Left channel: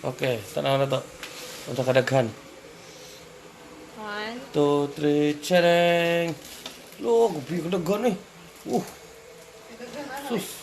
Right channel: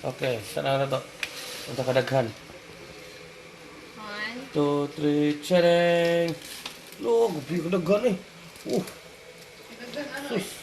Okay, saan na to? Unsa kadaghan? 1, 2, 3, chereng! Lo, gupi kadaghan eh. Sus.